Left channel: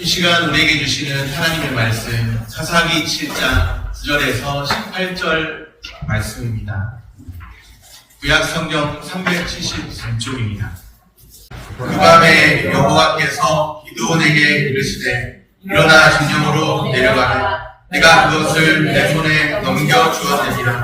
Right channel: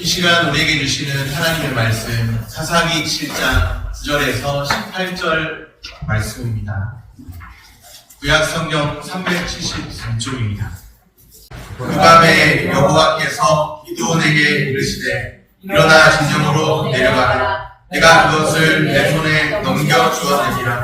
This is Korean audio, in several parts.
이 시간 우리에게 주시는 하나님의 말씀 사사기 7장 9절에서 18절 말씀입니다. 구약성경 373쪽입니다. 그 밤에 여호와께서 기드온에게 이르시되 일어나 진영으로 내려가라. 내가 그것을 내 손에 넘겨주었느니라.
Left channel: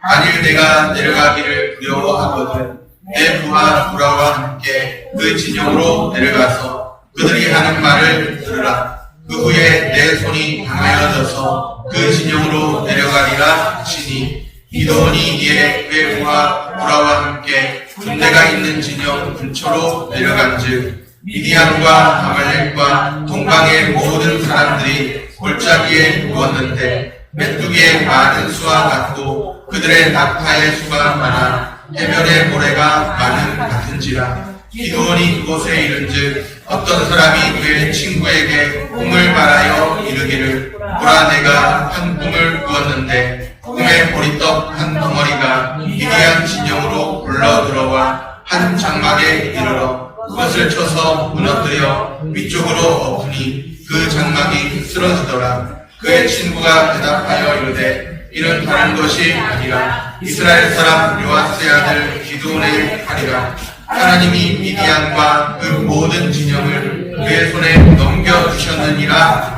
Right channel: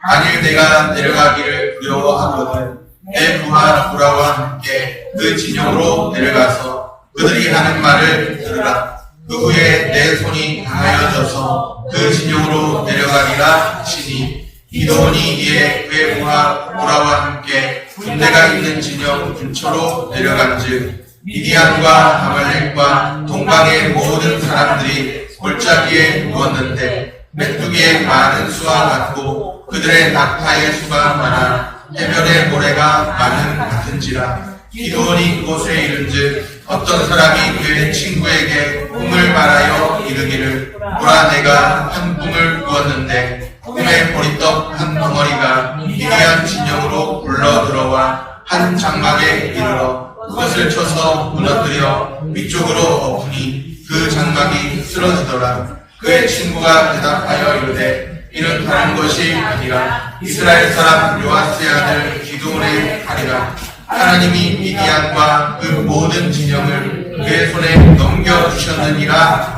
만일 내가 내려가기를 두려워하거든 내 부하 보라와 함께 그 진영으로 내려가서 그들이 하는 말을 들으라. 그 후에 내 손이 강하여져서 그 진영으로 내려가리라 하시니 기드온이 이에 그의 부하 보라와 함께 군대가 있는 진영 근처로 내려간즉 미디안과 아말렉과 동방의 모든 사람들이 골짜기에 누웠는데 메뚜기의 많은 수와 같고 그들의 낙타의 수가 많아 해변의 모래가 많은 같은지라. 기드온이 그곳에 이른즉 어떤 사람이 그의 친구에게 꿈을 말하여 이르기를 보라 내가 한 꿈을 꾸었는데 꿈에 보리떡 한 덩어리가 미디안 진영으로 굴러 들어와 한 장막에 이르러 그것을 쳐서 무너뜨려 위쪽으로 엎으니 그 장막이 쓰러지더라. 그의 친구가 대답하여 이르되 이는 다른 것이 아니라 이스라엘 사람 요아스의 아들 기드온의 칼이라. 하나님이 미디안과 그 모든 진영을 그의 손에 넘겨주셨느니라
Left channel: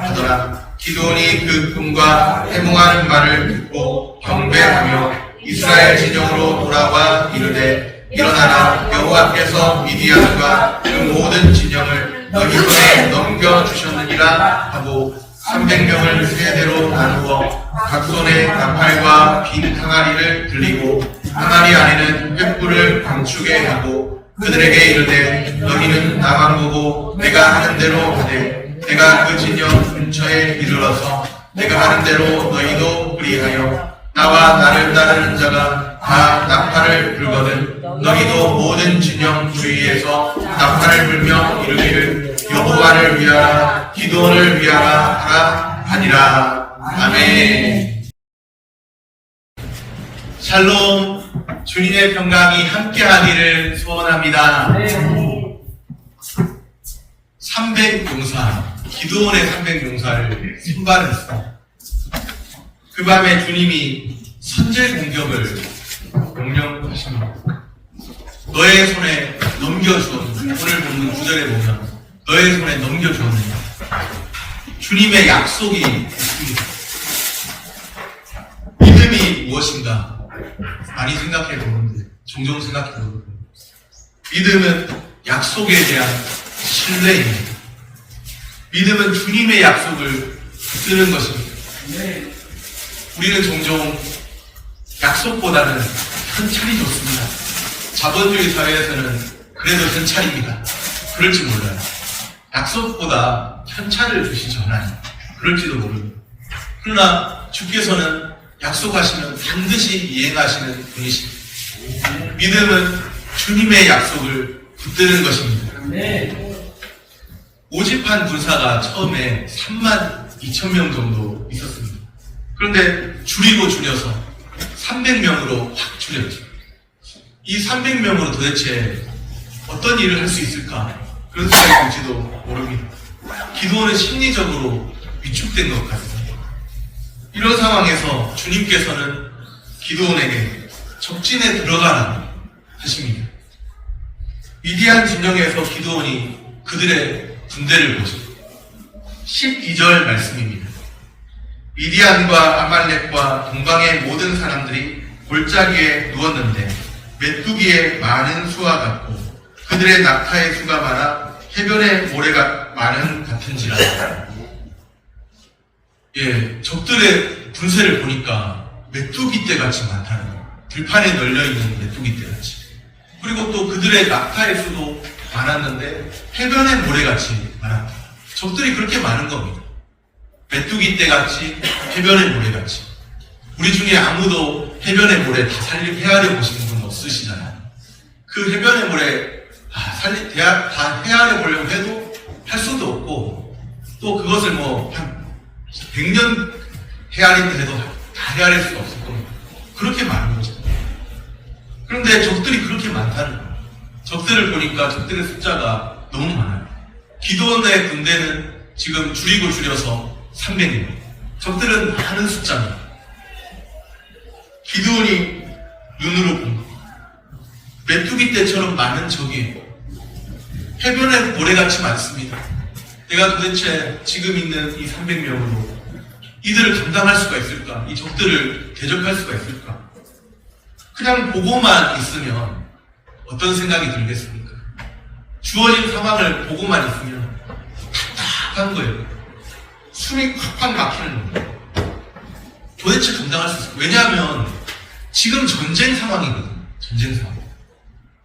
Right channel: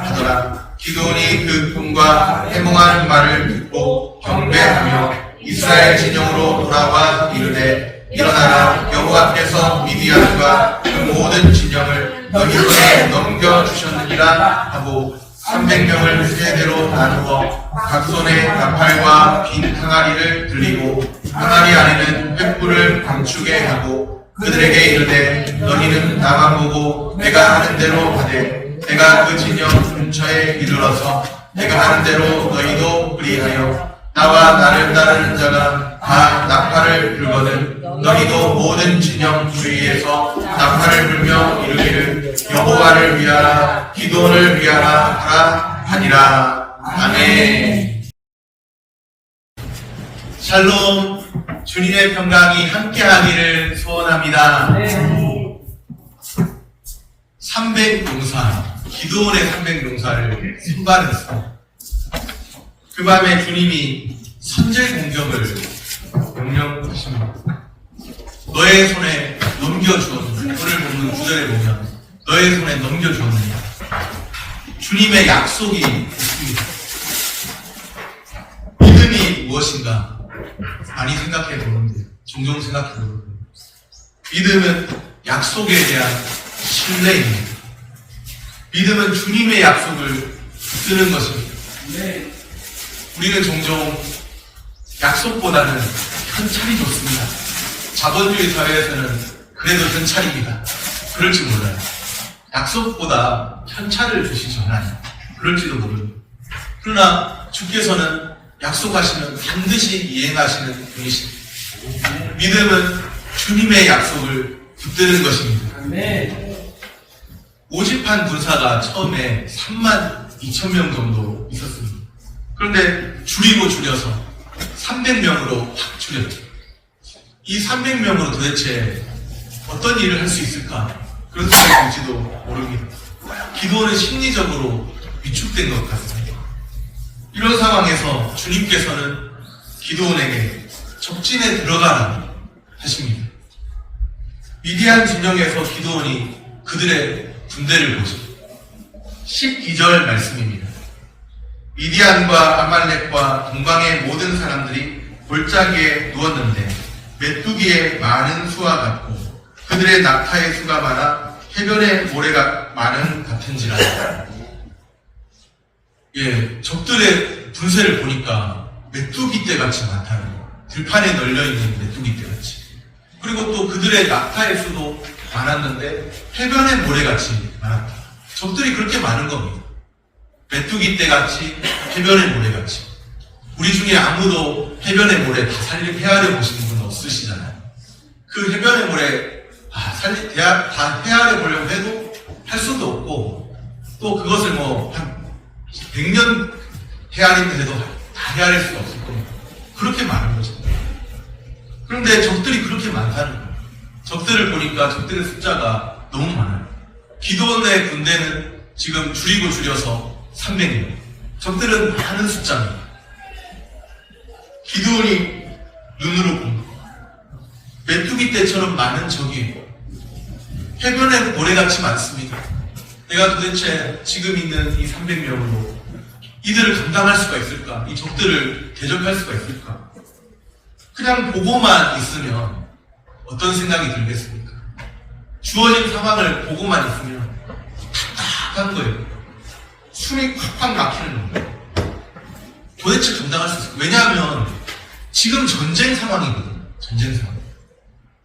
하더라. 기드온이 그 꿈과 해몽한 말을 듣고 경배하며 이스라엘 진영으로 돌아와 이르되 일어나라. 여호와께서 미디안과 그 모든 진영을 너희 손에 넘겨주셨느니라 하고 300명을 세대로 나누어 각 손에 나팔과 긴 항아리를 들리고 항아리 안에는 횃불을 감추게 하고 그들에게 이르되 너희는 나만 보고 내가 하는 대로 하되 내가 그 진영 근처에 이르러서 내가 하는 대로 너희도 그리하여 나와 나를 따르는 자가 다 나팔을 불거든 너희도 모든 진영 주위에서 나팔을 불며 이르기를 여호와를 위하라 기드온을 위하라 하라 하니라. 아멘. 샬롬. 주님의 평강이 함께하기를 소원합니다. 300용사, 기드온의 300용사를 선발했습니다. 그 밤에 주님이 선제 공격을 명령하십니다. 너의 손에 넘겨주었느냐. 오늘 보는 구절에 보면 너의 손에 넘겨주었느냐. 주님의 약속이 있습니다. 믿음이 무엇인가? 많이 생각해 보는데, 종종 생각해 보는데, 믿음은 약속에 대한 신뢰입니다. 믿음은 주님의 약속을 쓰는 것입니다. 우리는 종종 약속보다는 현찰이 좋습니다. 자본주의 사회에서는 그래도 현찰입니다. 그럴지 몰라요. 약속보다 현찰을 주시잖아요. 그럴지도 모릅니다. 그러나 주께서는 약속하시면 반드시 이행하시는 분이십니다. 믿음은 주님의 약속을 붙드는 것입니다. 오집한 군사가 처음에 32,000명 정도 있었습니다. 그런데 줄이고 줄여서 300명으로 확 줄였죠. 이 300명으로 도대체 어떤 일을 할 수 있을까? 그런 생각이 들지도 모릅니다. 기도는 심리적으로 위축된 것 같습니다. 이런 상황에서 주님께서는 기드온에게 적진에 들어가라고 하십니다. 미디안 진영에서 기드온이 그들의 군대를 보죠. 12절 말씀입니다. 미디안과 아말렉과 동방의 모든 사람들이 골짜기에 누웠는데 메뚜기의 많은 수와 같고 그들의 낙타의 수가 많아 해변의 모래가 많은 같은지라. 적들의 분세를 보니까 메뚜기떼 같이 많다는 거예요. 들판에 널려있는 메뚜기떼 같이. 그리고 또 그들의 낙타의 수도 많았는데 해변의 모래같이 많았다. 적들이 그렇게 많은 겁니다. 메뚜기떼 같이 해변의 모래같이. 우리 중에 아무도 해변의 모래 다 헤아려 보시는 분 없으시잖아요. 그 해변의 모래 다 헤아려 보려고 해도 할 수도 없고 또 그것을 한 100년 헤아린다 해도 다 헤아릴 수가 없을 겁니다. 그렇게 많은 거죠. 그런데 적들이 그렇게 많다는 거예요. 적들을 보니까 적들의 숫자가 너무 많아요. 기드온의 군대는 지금 줄여서 300명. 적들은 많은 숫자입니다. 기드온이 눈으로 본 것. 메뚜기 떼처럼 많은 적이에요. 해변에 모래같이 많습니다. 내가 도대체 지금 있는 이 300명으로 이들을 감당할 수가 있을까? 이 적들을 대적할 수가 있을까? 그냥 보고만 있으면 어떤 생각이 들겠습니까? 주어진 상황을 보고만 있으면 답답한 거예요. 숨이 콱콱 막히는 거예요. 도대체 감당할 수 있을까? 왜냐하면 지금 전쟁 상황이거든요. 전쟁 상황.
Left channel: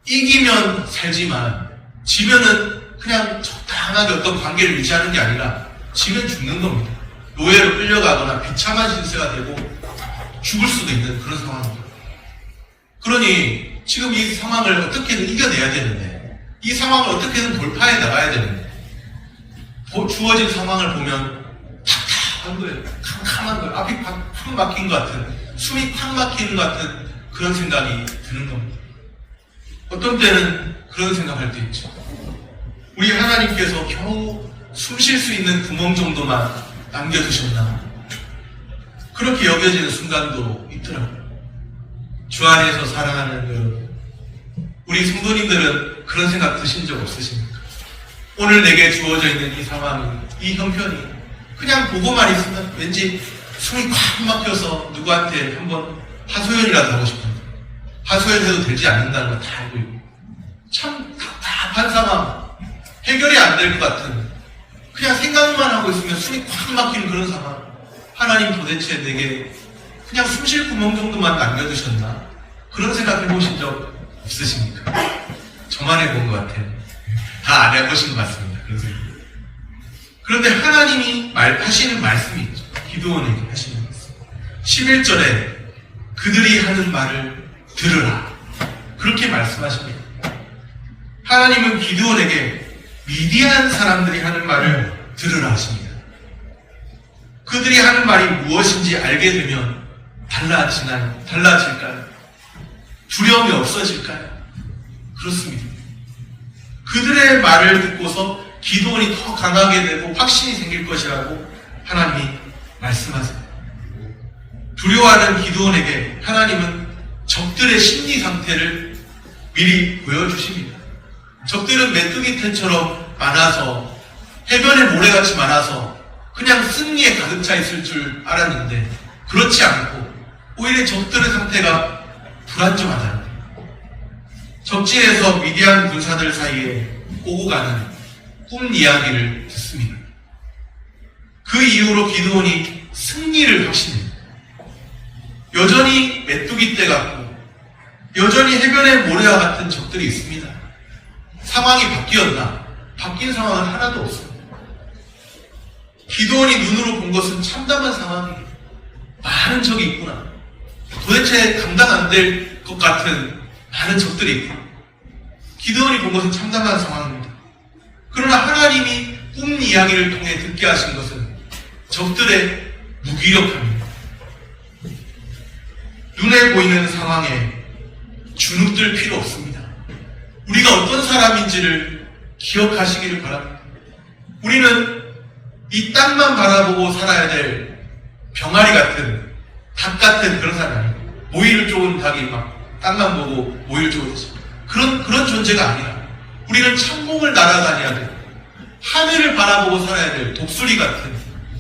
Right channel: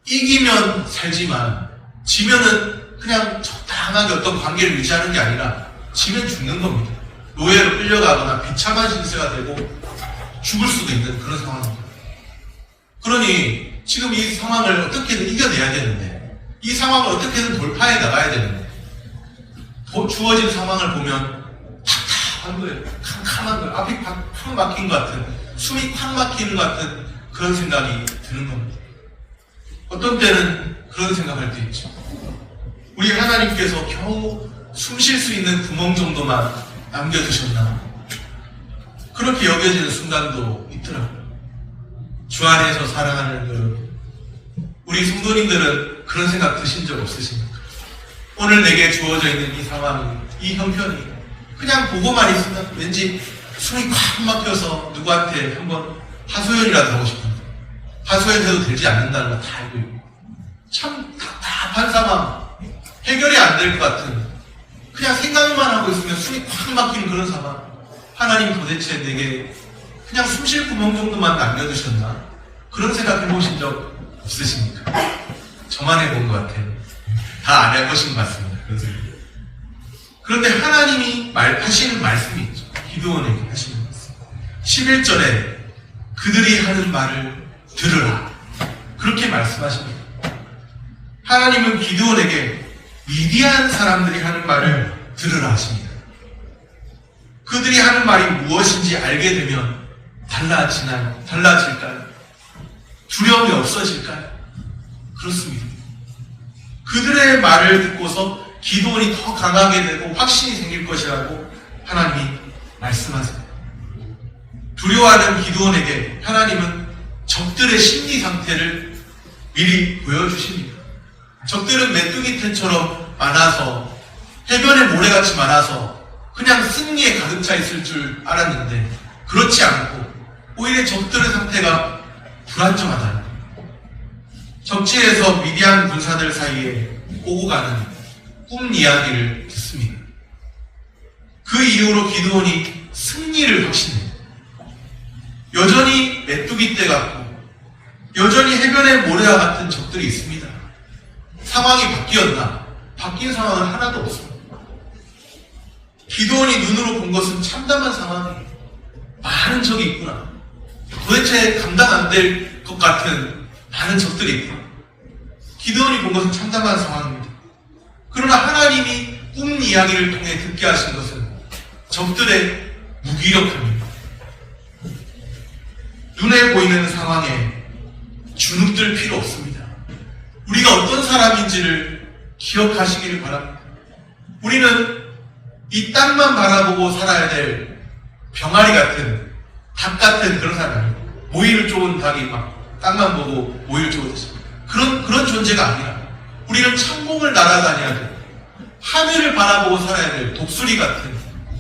이기면 살지만 지면은 그냥 적당하게 어떤 관계를 유지하는 게 아니라 지면 죽는 겁니다. 노예로 끌려가거나 비참한 신세가 되고 죽을 수도 있는 그런 상황입니다. 그러니 지금 이 상황을 어떻게든 이겨내야 되는데 이 상황을 어떻게든 돌파해 나가야 되는데 주어진 상황을 보면 답답한 거예요. 캄캄한 거예요. 앞이 팍 막힌 것 같은, 숨이 팍 막히는 것 같은 그런 생각이 드는 겁니다. 어떤 때는 그런 생각할 때 있죠. 우리 하나님께서 겨우 숨 쉴 수 있는 구멍 정도만 남겨두셨나? 그렇게 여겨지는 순간도 있더라고요. 주 안에서 사랑하는 여러분, 우리 성도님들은 그런 생각 드신 적 없으십니까? 오늘 내게 주어져 있는 이 상황이, 이 형편이 그냥 보고만 있으면 왠지 숨이 꽉 막혀서 누구한테 한번 하소연이라도 하고 싶은데 하소연해도 되지 않는다는 걸 다 알고 있고 참 답답한 상황, 해결이 안 될 것 같은, 그냥 생각만 하고 있으면 숨이 꽉 막히는 그런 상황. 하나님 도대체 내게 그냥 숨 쉴 구멍 정도만 남겨두셨나? 그런 생각 해보신 적 없으십니까? 저만 해본 것 같아요. 다 안 해보신 것 같습니다. 그런 생각. 그런데 하나님이 하시는 말씀이 있죠. 기드온에게 하시는 말씀. 11절에 그들이 하는 말을 들으라. 그렇게 말씀하십니다. 하나님은 기드온에게 미디안 사람들이 하는 말을 들으라 하십니다. 그들이 하는 말이 무엇인지 알게 되면 달라질까요? 두려움이 없어질까요? 그렇습니다. 그들의 말을 듣고서 기드온이 더 강하게 되고 확신이 생길 것이라고 하나님이 말씀하세요. 두려워하는 기드온에게 하나님은 적들의 심리 상태를 미리 보여주십니다. 적들은 메뚜기 털처럼 많아서 해변에 모래같이 많아서 그냥 승리에 가득 차 있을 줄 알았는데 그렇지 않고 오히려 적들의 상태가 불안정하다는 거예요. 적지에서 미디안 군사들 사이에 오고 가는 꿈 이야기를 듣습니다. 그 이후로 기드온이 승리를 확신해요. 여전히 메뚜기 떼 같고 여전히 해변의 모래와 같은 적들이 있습니다. 상황이 바뀌었나? 바뀐 상황은 하나도 없습니다. 기드온이 눈으로 본 것은 참담한 상황이에요. 많은 적이 있구나. 도대체 감당 안 될 것 같은 많은 적들이 있구나. 기드온이 본 것은 참담한 상황입니다. 그러나 하나님이 꿈 이야기를 통해 듣게 하신 것은 적들의 무기력함입니다. 눈에 보이는 상황에 주눅들 필요 없습니다. 우리가 어떤 사람인지를 기억하시기를 바랍니다. 우리는 이 땅만 바라보고 살아야 될 병아리 같은, 닭 같은 그런 사람이 아니고 모이를 쫓은 닭이 막 땅만 보고 모이를 쫓듯이 그런 존재가 아니라 우리는 창공을 날아다녀야 돼요. 하늘을 바라보고 살아야 될 독수리 같은,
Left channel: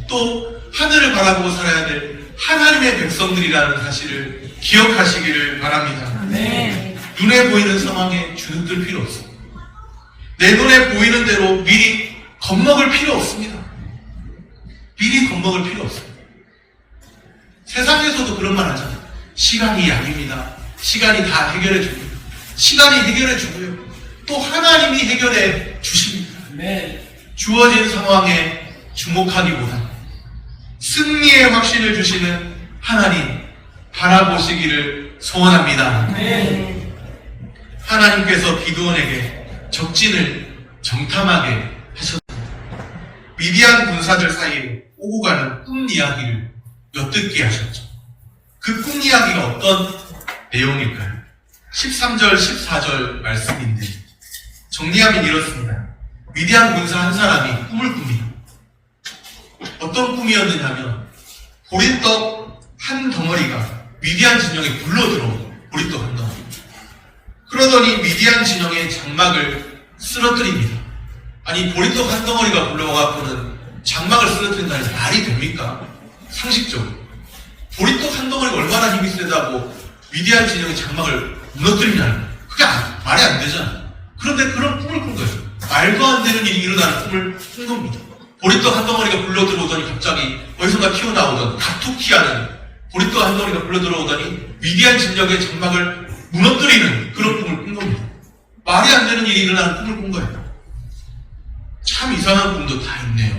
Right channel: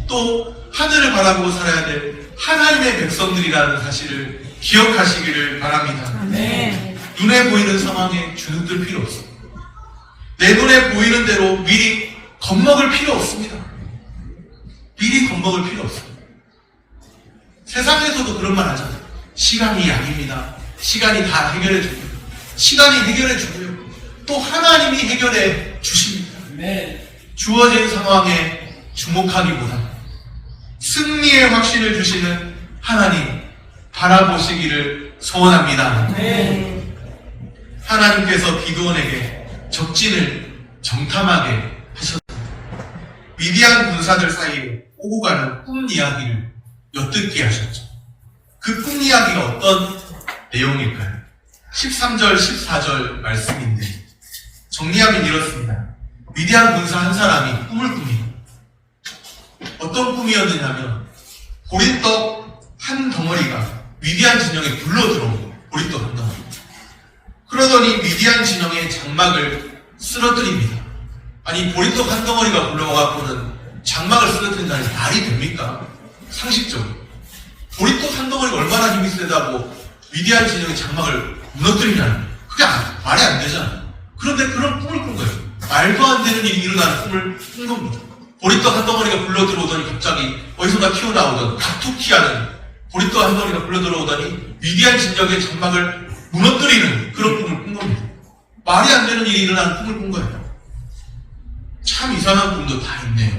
또 하늘을 바라보고 살아야 될 하나님의 백성들이라는 사실을 기억하시기를 바랍니다. 네. 눈에 보이는 상황에 주눅들 필요 없습니다. 내 눈에 보이는 대로 미리 겁먹을 필요 없습니다. 미리 겁먹을 필요 없습니다. 세상에서도 그런 말 하잖아요. 시간이 약입니다. 시간이 다 해결해 줍니다. 시간이 해결해 주고요. 또 하나님이 해결해 주십니다. 네. 주어진 상황에 주목하기보다 승리의 확신을 주시는 하나님 바라보시기를 소원합니다. 네. 하나님께서 기드온에게 적진을 정탐하게 하셨습니다. 미디안 군사들 사이에 오고 가는 꿈 이야기를 엿듣게 하셨죠. 그 꿈 이야기가 어떤 내용일까요? 13절, 14절 말씀인데 정리하면 이렇습니다. 미디안 군사 한 사람이 꿈을 꿉니다. 어떤 꿈이었느냐면 보리떡 한 덩어리가 미디안 진영에 굴러들어오고 보리떡 한 덩어리. 그러더니 미디안 진영의 장막을 쓰러뜨립니다. 아니 보리떡 한 덩어리가 굴러와갖고는 장막을 쓰러뜨린다니 말이 됩니까? 상식적으로. 보리떡 한 덩어리가 얼마나 힘이 세다고 미디안 진영의 장막을 무너뜨리냐니 그게 말이 안 되잖아요. 그런데 그런 꿈을 꾼 거예요. 말도 안 되는 일이 일어나는 꿈을 꾼 겁니다. 보리떡 한 덩어리가 굴러들어오더니 갑자기 어디선가 튀어나오던 가툭튀하는 보리떡 한 덩어리가 굴러들어오더니 미디안 진영의 장막을 무너뜨리는 그런 꿈을 꾼 겁니다. 말이 안 되는 일이 일어나는 꿈을 꾼 거예요. 참 이상한 꿈도 다 있네요.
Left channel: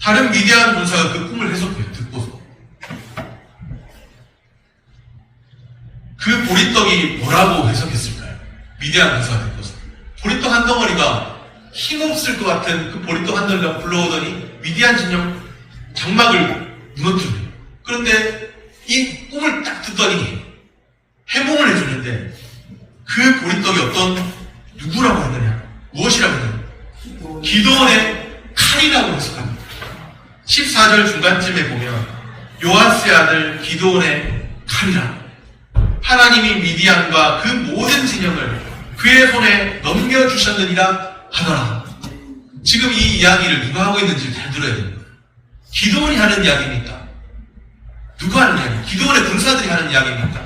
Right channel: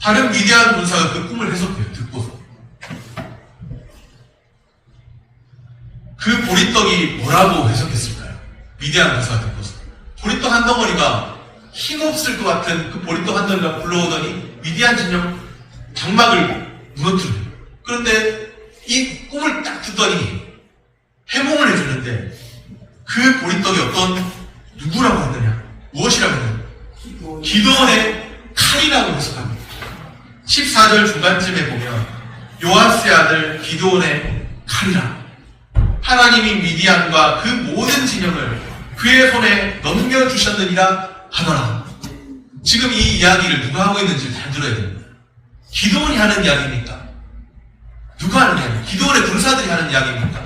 다른 미디안 군사가 그 꿈을 해석해요. 듣고서. 그 보리떡이 뭐라고 해석했을까요? 미디안 군사가 듣고서. 보리떡 한 덩어리가 힘없을 것 같은 그 보리떡 한 덩어리가 굴러오더니 미디안 진영 장막을 무너뜨려요. 그런데 이 꿈을 딱 듣더니 해몽을 해주는데 그 보리떡이 누구라고 하느냐? 무엇이라고 하느냐? 기도원의 칼이라고 해석합니다. 14절 중간쯤에 보면 요아스의 아들 기도원의 칼이라. 하나님이 미디안과 그 모든 진영을 그의 손에 넘겨주셨느니라 하더라. 지금 이 이야기를 누가 하고 있는지 잘 들어야 됩니다. 기도원이 하는 이야기입니까? 누가 하는 이야기입니까? 기도원의 군사들이 하는 이야기입니까?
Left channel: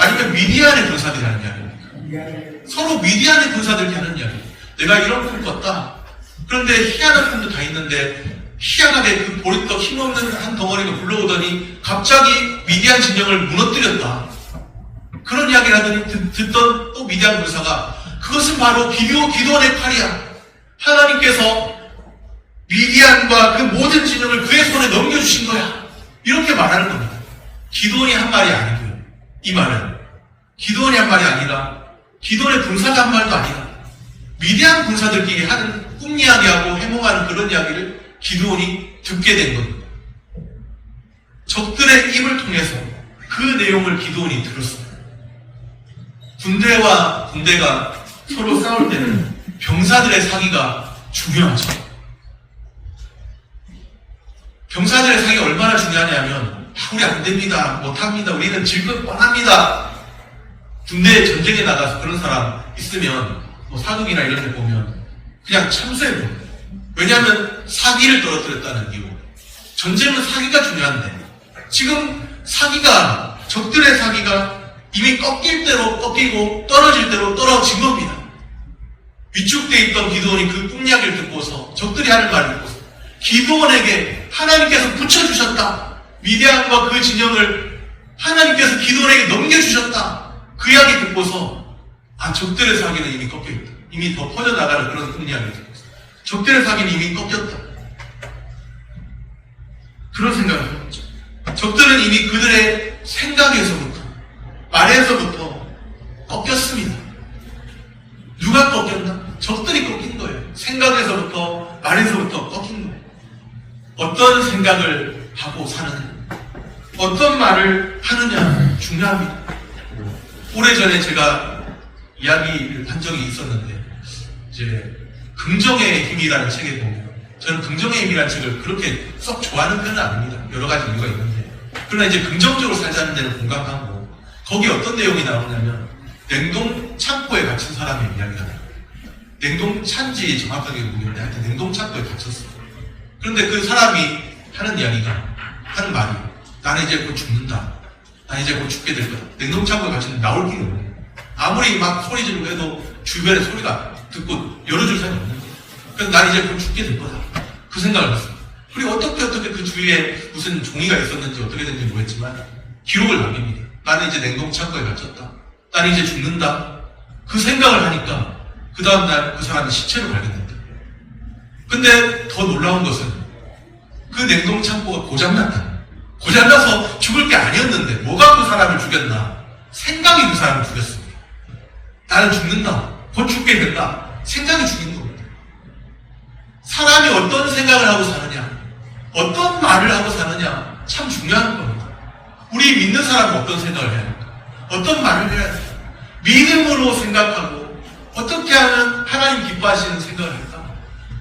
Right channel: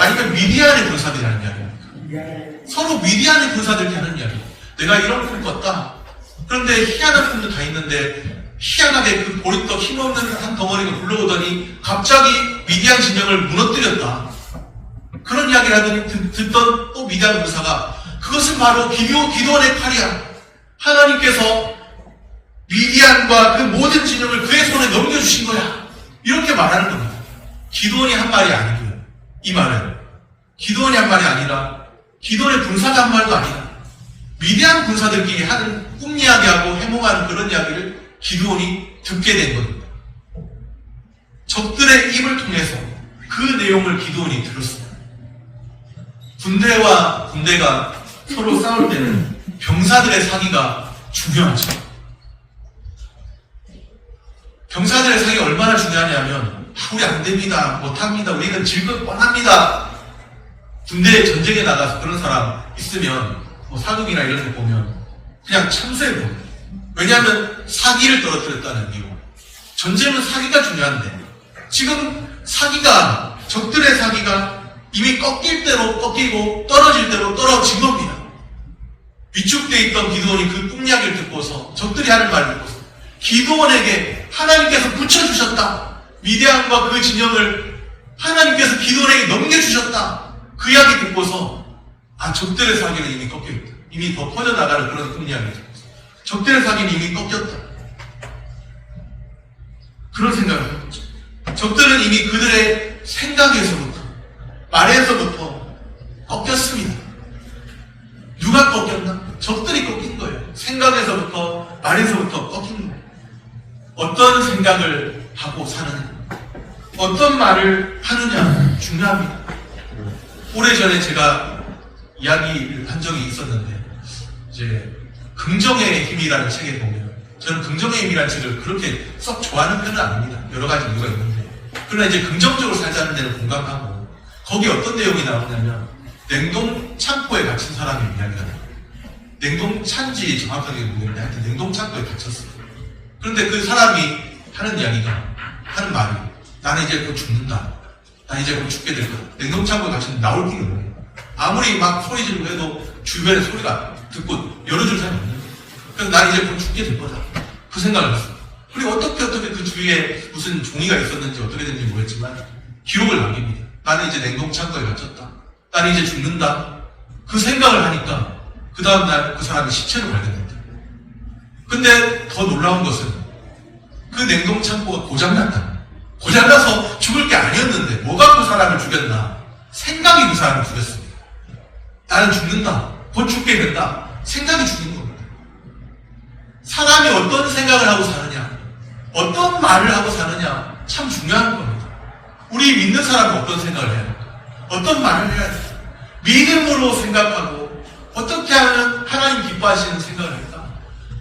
아니면 미디안의 군사들이 하는 이야기입니까? 서로 미디안의 군사들이 하는 이야기입니다. 내가 이런 꿈을 꿨다. 그런데 희한한 꿈도 다 있는데 희한하게 그 보리떡 힘없는 한 덩어리가 굴러오더니 갑자기 미디안 진영을 무너뜨렸다. 그런 이야기를 하더니 듣던 또 미디안 군사가 그것은 바로 기도원의 칼이야. 하나님께서 미디안과 그 모든 진영을 그의 손에 넘겨주신 거야. 이렇게 말하는 겁니다. 기도원이 한 말이 아니고요. 이 말은 기도원이 한 말이 아니라 기도원의 군사가 한 말도 아니라 미디안 군사들끼리 하는 꿈 이야기하고 해몽하는 그런 이야기를 기도원이 듣게 된 겁니다. 적들의 입을 통해서 그 내용을 기도원이 들었습니다. 군대와 군대가 서로 싸울 때는 병사들의 사기가 중요하죠. 병사들의 사기가 얼마나 중요하냐면 우리 안 됩니다. 못합니다. 우리는 질 것 뻔합니다. 군대 전쟁에 나가서 그런 사람 있으면 사극이나 이런 데 보면 그냥 참수해버려요. 왜냐하면 사기를 떨어뜨렸다는 이유. 전쟁은 사기가 중요한데 지금 적들의 사기가 이미 꺾일 대로 꺾이고 떨어질 대로 떨어진 겁니다. 위축되어 있던 기도원이 그 꿈 이야기를 듣고서 적들이 하는 말을 듣고서 기도원에게 하나님께서 붙여주셨다. 미디안과 그 진영을 하나님께서 기도원에게 넘겨주셨다. 그 이야기 듣고서 적들의 사기는 이미 꺾여있다. 이미 더 퍼져나가는 그런 꿈 이야기를 듣고서 적들의 사기는 이미 꺾였다. 그런 생각을 해봤죠. 적들은 이미 그들의 생각에서부터 말에서부터 꺾였습니다. 누가 꺾였나? 적들이 꺾인 거예요. 생각에서부터 말에서부터 꺾인 거예요. 어떤 생각을 하고 사느냐, 어떤 말을 하느냐 중요합니다. 오래전에 제가 이야기를 한 적이 있었는데 이제 긍정의 힘이라는 책에 보면 저는 긍정의 힘이라는 책을 그렇게 썩 좋아하는 편은 아닙니다. 여러 가지 이유가 있는데 그러나 이제 긍정적으로 살자는 데는 공감하고 거기 어떤 내용이 나오냐면 냉동 창고에 갇힌 사람의 이야기가 나와요. 냉동 찬지 정확하게 모르겠는데 하여튼 냉동 창고에 갇혔어요. 그런데 그 사람이 하는 말이 나는 이제 곧 죽는다. 나 이제 곧 죽게 될 거다. 냉동 창고에 갇히면 나올 길이 없네. 아무리 막 소리 지르고 해도 주변에 소리가 듣고 열어줄 사람이 없는 거예요. 그래서 난 이제 곧 죽게 될 거다. 그 생각을 했어요. 그리고 어떻게 그 주위에 무슨 종이가 있었는지 어떻게 됐는지 모르겠지만 기록을 남깁니다. 나는 이제 냉동 창고에 갇혔다. 나는 이제 죽는다. 그 생각을 하니까 그 다음날 그 사람이 시체로 발견됐다. 근데 더 놀라운 것은 그 냉동 창고가 고장났다. 고장나서 죽을 게 아니었는데 뭐가 그 사람을 죽였나? 생각이 그 사람을 죽였습니다. 나는 죽는다. 곧 죽게 된다. 생각이 죽인 겁니다. 사람이 어떤 생각을 하고 사느냐, 어떤 말을 하고 사느냐 참 중요한 겁니다. 우리 믿는 사람은 어떤 생각을 해야 할까? 어떤 말을 해야 할까? 믿음으로 생각하고 어떻게 하면 하나님 기뻐하시는 생각을 할까?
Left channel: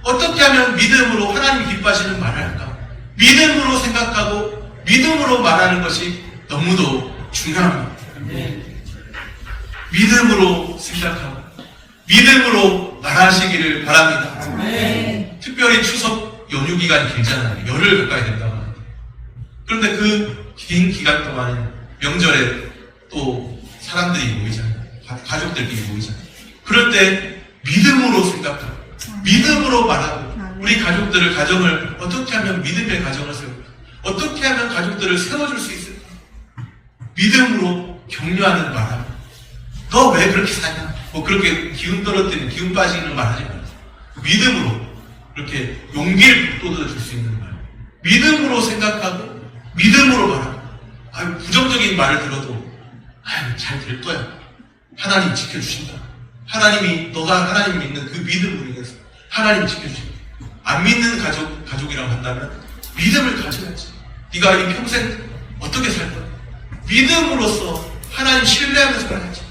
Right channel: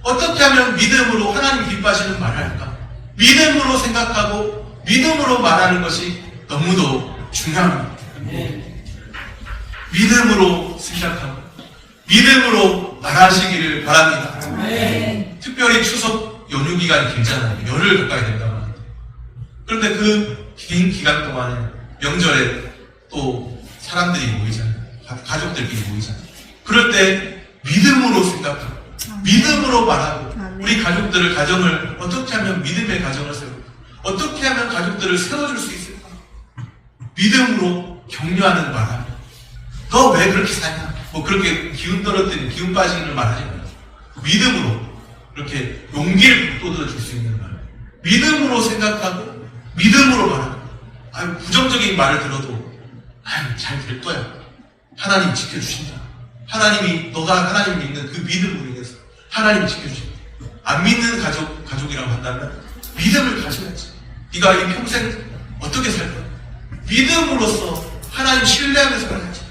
어떻게 하면 믿음으로 하나님 기뻐하시는 말을 할까? 믿음으로 생각하고 믿음으로 말하는 것이 너무도 중요합니다. 믿음으로 생각하고 믿음으로 말하시기를 바랍니다. 특별히 추석 연휴 기간이 길잖아요. 열흘 가까이 된다고 하는데, 그런데 그 긴 기간 동안에 명절에 또 사람들이 모이잖아요. 가족들끼리 모이잖아요. 그럴 때 믿음으로 생각하고 믿음으로 말하고 우리 가족들을, 가정을 어떻게 하면 믿음의 가정을 세울까? 어떻게 하면 가족들을 세워줄 수 있을까? 믿음으로 격려하는 말하고, 너 왜 그렇게 사냐? 뭐 그렇게 기운 떨어뜨리는, 기운 빠지는 말 하지 말고 믿음으로 그렇게 용기를 북돋아줄 수 있는 말, 믿음으로 생각하고 믿음으로 말하고, 부정적인 말을 들어도 잘 될 거야, 하나님 지켜주신다, 하나님이, 너가 하나님 믿는 그 믿음으로 인해서 하나님 지켜주신다. 안 믿는 가족이라고 한다면 믿음을 가져야지. 네가 이 평생 어떻게 살 거야? 믿음으로써 하나님 신뢰하면서 살아야지.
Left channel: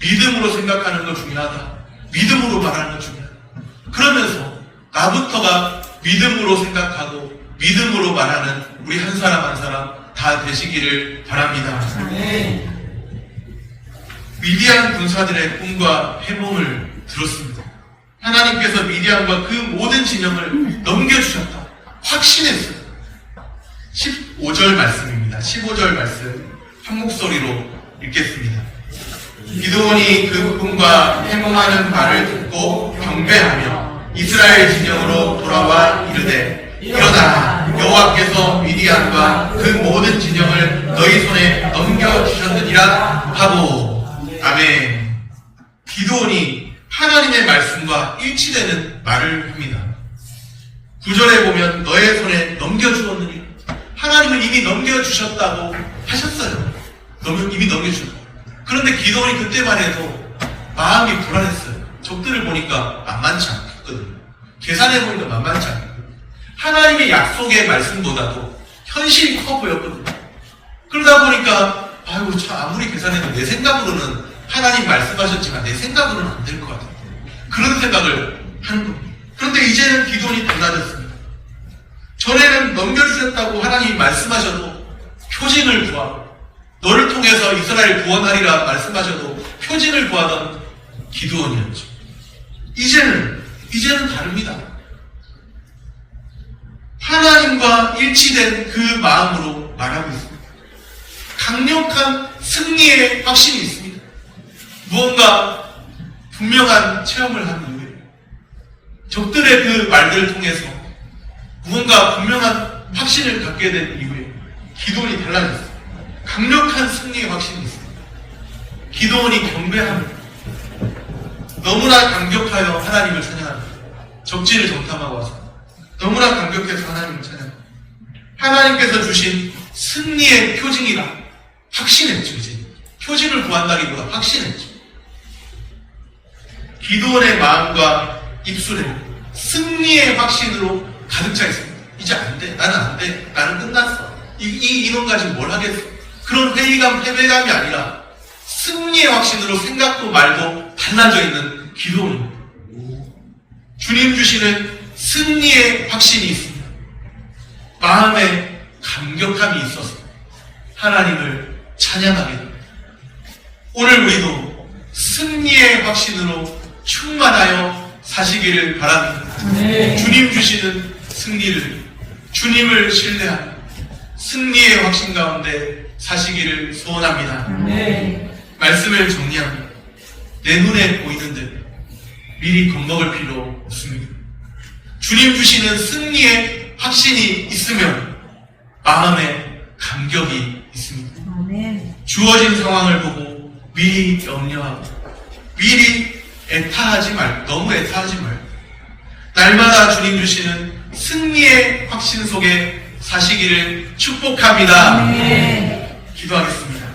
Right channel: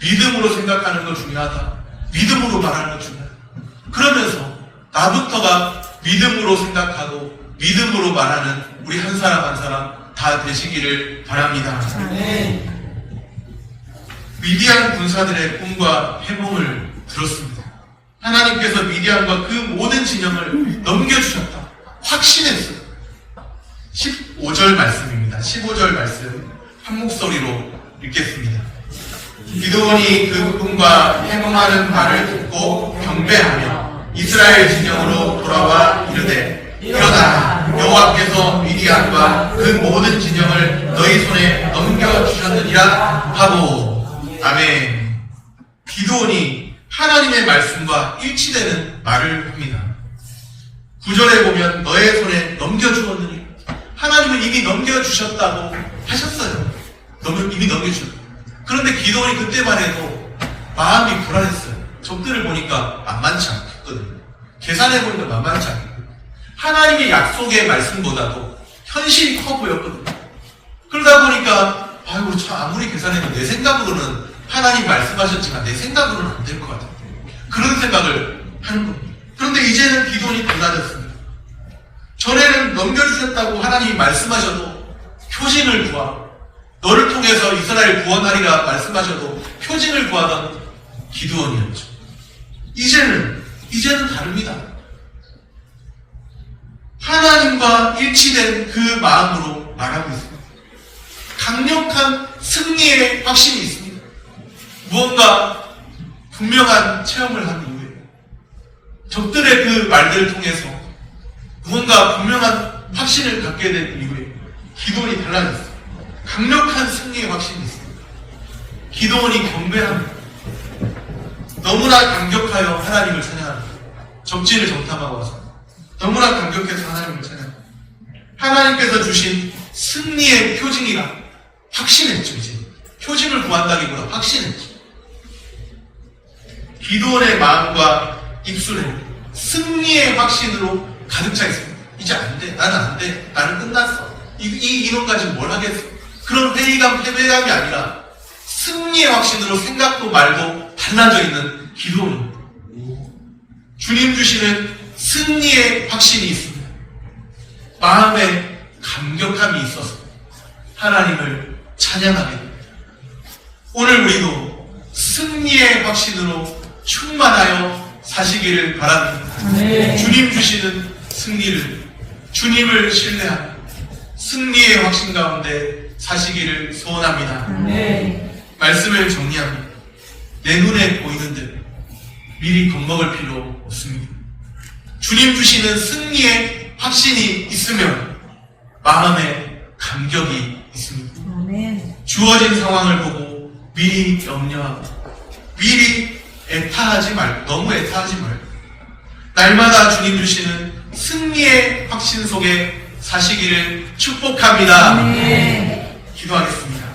믿음으로 생각하는 거 중요하다. 믿음으로 말하는 거 중요하다. 그러면서 나부터가 믿음으로 생각하고 믿음으로 말하는 우리 한 사람 한 사람 다 되시기를 바랍니다. 미디안 군사들의 꿈과 해몽을 들었습니다. 하나님께서 미디안과 그 모든 진영을 넘겨주셨다, 확신했어요. 15절 말씀입니다. 15절 말씀 한 목소리로 읽겠습니다. 기드온이 그 꿈과 해몽하는 말을 듣고 경배하며 이스라엘 진영으로 돌아와 이르되, 일어나, 여호와께서 미디안과 그 모든 진영을 너희 손에 넘겨주셨느니라 하고. 아멘. 기드온이 하나님의 말씀과 일치되는 말을 합니다. 9절에 보면 너의 손에 넘겨주었느니, 하나님은 이미 넘겨주셨다고 하셨어요. 이미 넘겨주셨고. 그런데 기드온이 그때만 해도 마음이 불안했어요. 적들을 보니까 만만치 않거든요. 계산해보니까 만만치 않거든요. 하나님의 약속의 말씀보다도 현실이 커 보였거든요. 그러다 보니까 아이고 참, 아무리 계산해도 내 생각으로는 하나님 말씀하셨지만 내 생각으로는 안 될 것 같아요. 그런 생각을 하는 겁니다. 그런데 이제는 기도원이 달라졌습니다. 전에는 넘겨주셨다고 하나님이 말씀하셔도 표징을 구하고, 너를 통해서 이스라엘 구원하리라 말씀하셔도 표징을 구하던 기드온이었죠. 이제는 다릅니다. 하나님과 일치된 그 마음으로 말하고 있습니다. 강력한 승리의 확신이 있습니다. 무언가 분명한 체험을 한 이후에, 적들의 그 말들을 통해서 무언가 분명한 확신을 갖게 된 이후에 기드온이 달라졌습니다. 강력한 승리의 확신이 있습니다. 기드온이 경배합니다. 너무나 감격하여 하나님을 찬양합니다. 적진을 정탐하고 와서 너무나 감격해서 하나님을 찬양합니다. 하나님께서 주신 승리의 표징이라 확신했죠. 이제 표징을 구한다기보다 확신했죠. 기드온의 마음과 입술에 승리의 확신으로 가득 차 있습니다. 이제 안 돼, 나는 안 돼, 나는 끝났어, 이 인원 가지고 뭘 하겠어, 그런 패배감이 아니라 승리의 확신으로 생각도 말도 달라져 있는 기도입니다. 주님 주시는 승리의 확신이 있습니다. 마음에 감격함이 있어서 하나님을 찬양하게 됩니다. 오늘 우리도 승리의 확신으로 충만하여 사시기를 바랍니다. 주님 주시는 승리를, 주님을 신뢰하는 승리의 확신 가운데 사시기를 소원합니다. 말씀을 정리합니다. 내 눈에 보이는 대로 미리 겁먹을 필요 없습니다. 주님 주시는 승리의 확신이 있으면 마음에 감격이 있습니다. 주어진 상황을 보고 미리 염려하고 미리 애타하지 말고, 너무 애타하지 말고 날마다 주님 주시는 승리의 확신 속에 사시기를 축복합니다. 기도하겠습니다.